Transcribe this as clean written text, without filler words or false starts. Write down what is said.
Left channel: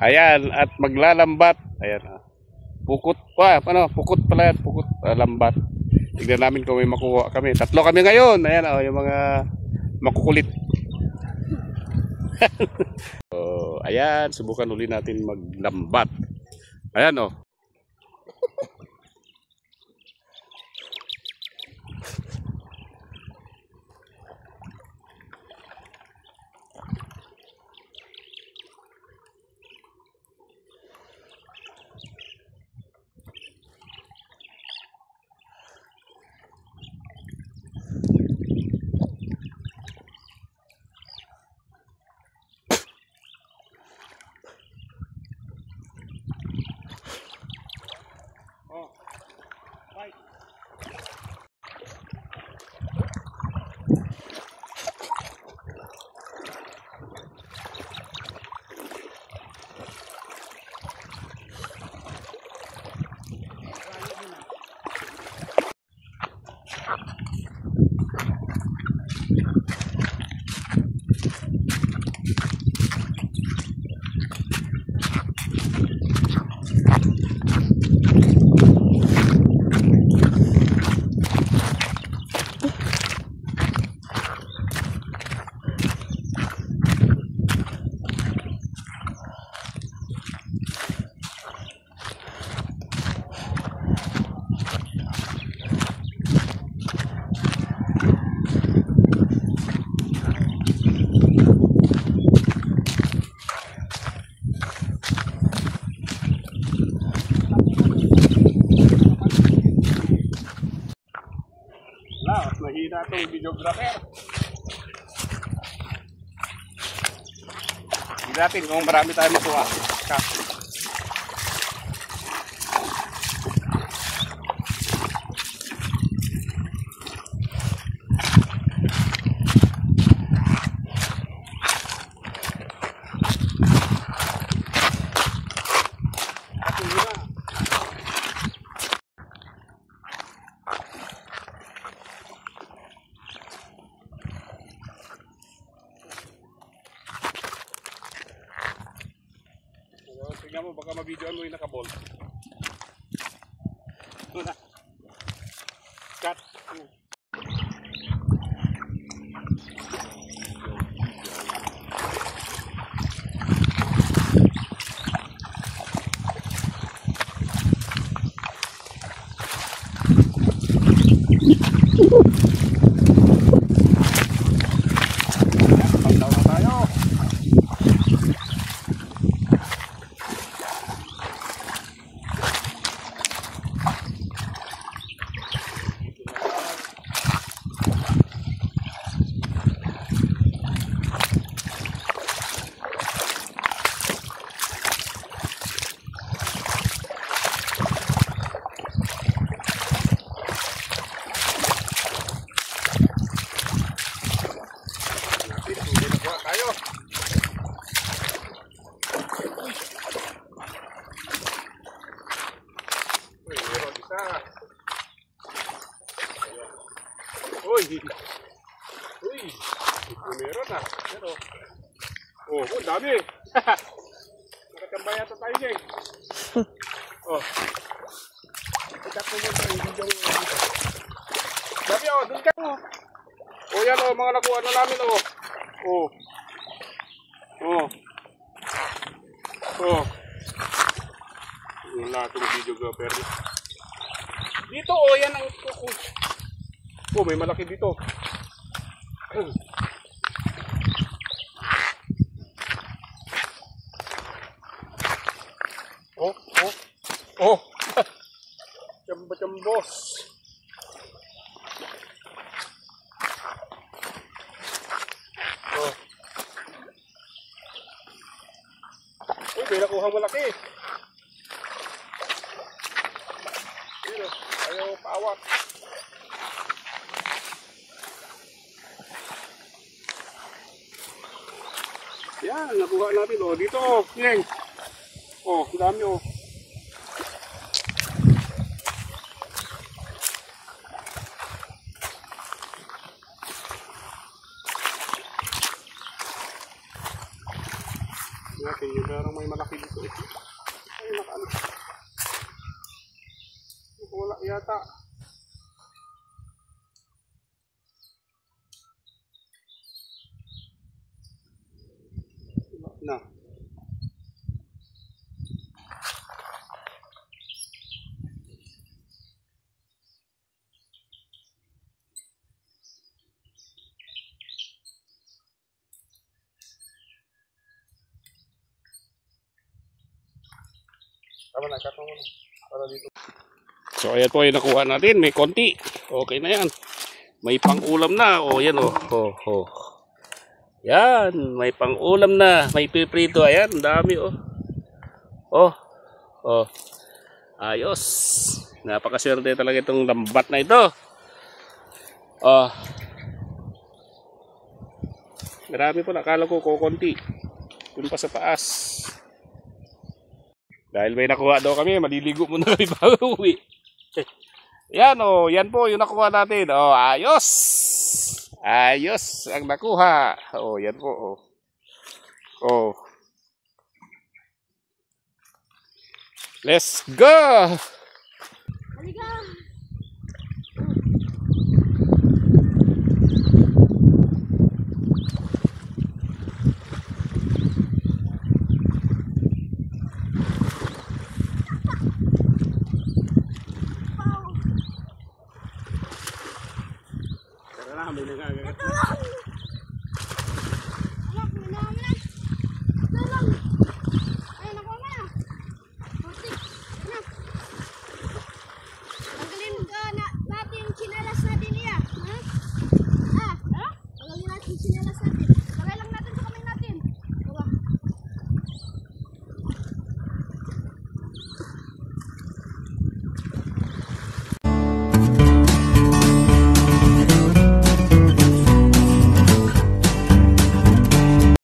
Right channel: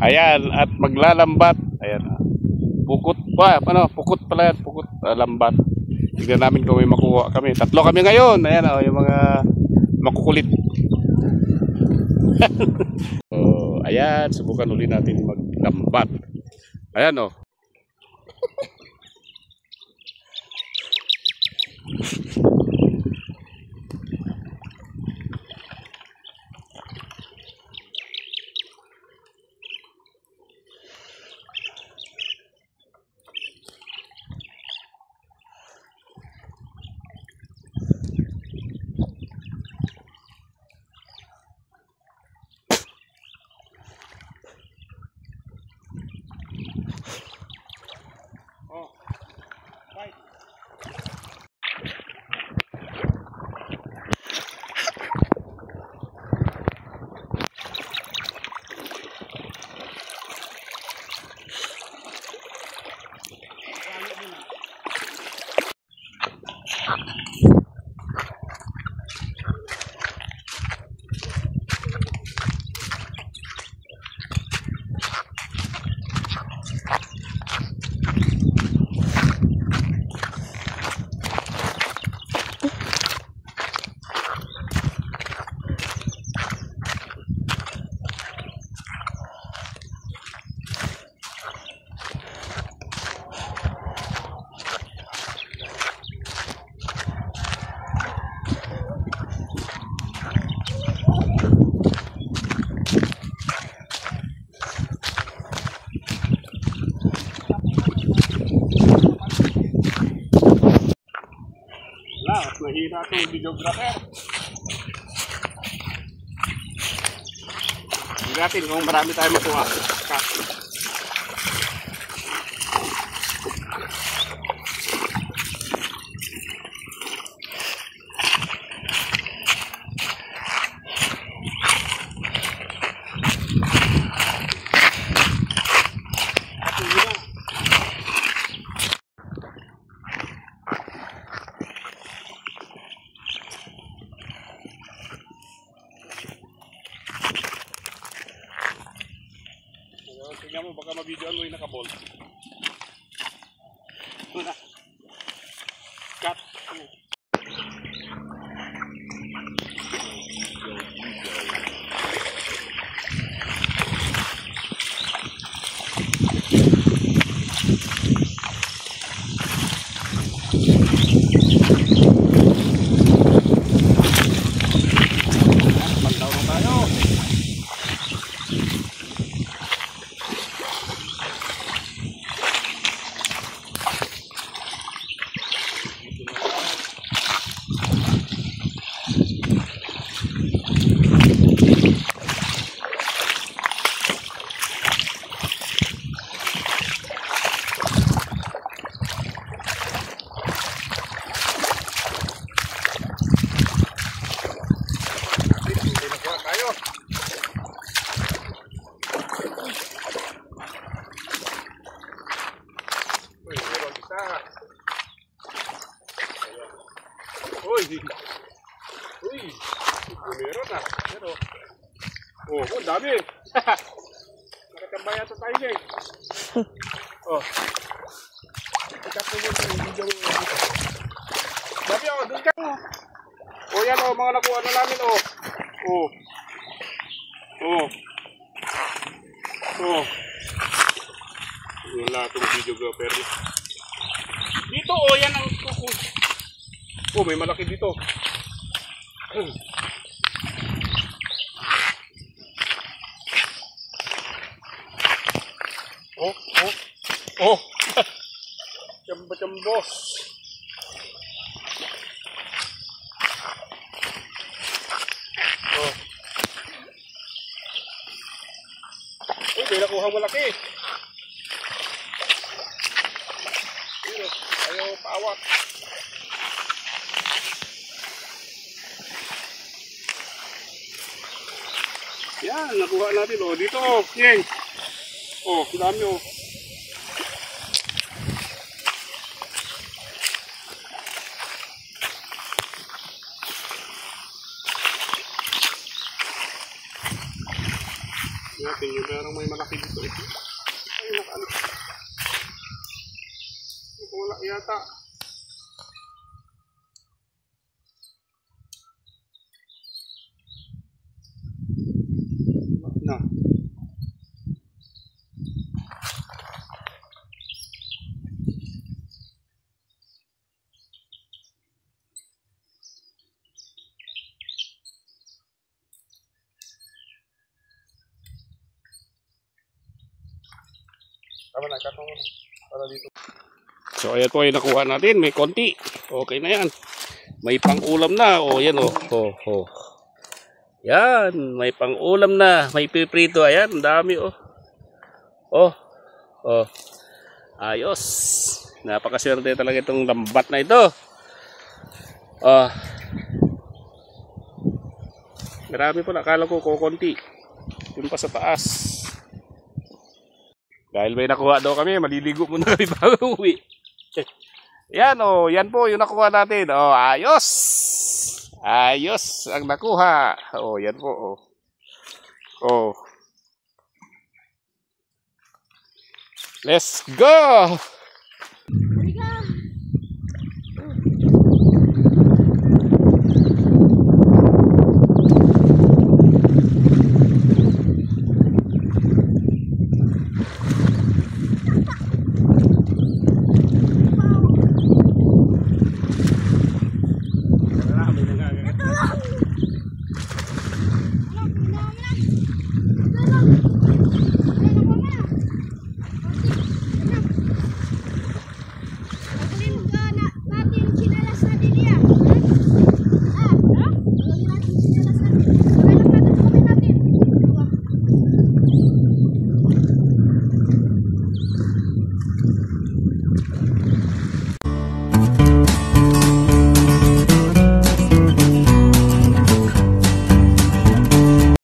Ayan, at maglalambat. Ayan. Pukot pa, ano, pukot pala yan, pukot, lambat. Tignan namin kung may makuha kami. Tatlo kami ngayon. Ayan, yung mga makukulit. Ayan, subukan uli natin maglambat. Ayan, oh. Mahina itong videographer. Hindi natin kung marami tayo makuha. Tingnan mo, baka ma-videoan mo yung nakabol. Cut. Pagdaw na tayo. Uy, meron na. Pero, oh, dami. Nakatambay yata tayo niya eh. Oh. Ito po yun yung video mo dito. Dami oh, dun ka oh. Oh yan oh, mga nakuha na namin oh. Oh. Oh. Oh. Wala itong videographer. Dito oh, yan ang kukus. Oh, may malaki dito. Oh, oh, oh. Chambos. Oh. Uy, may nakuha malaki. Dito, ayaw paawak. Yan, nakuha natin oh. Dito oh, yeng. Oh, dami oh. natin yung parang may malaki dito. Ay, nakaano. Wala yata. Na. Tama na, kakang mo na. Para dito. So ayan po yung nakuha natin. May konti. Okay na yan. May pang-ulam na. O yan o. Yan. May pang-ulam na. May piprito. Ayan. Ang dami o. Ayos. Napakaswerte talaga itong lambat na ito. Marami po. Nakala ko kukunti. Yun pa sa taas. Dahil may nakuha daw kami, maliligo muna kami bago uwi. Yan o, yan po yung nakuha natin. Ayos! Ayos ang nakuha. Yan po. Let's go! Halika!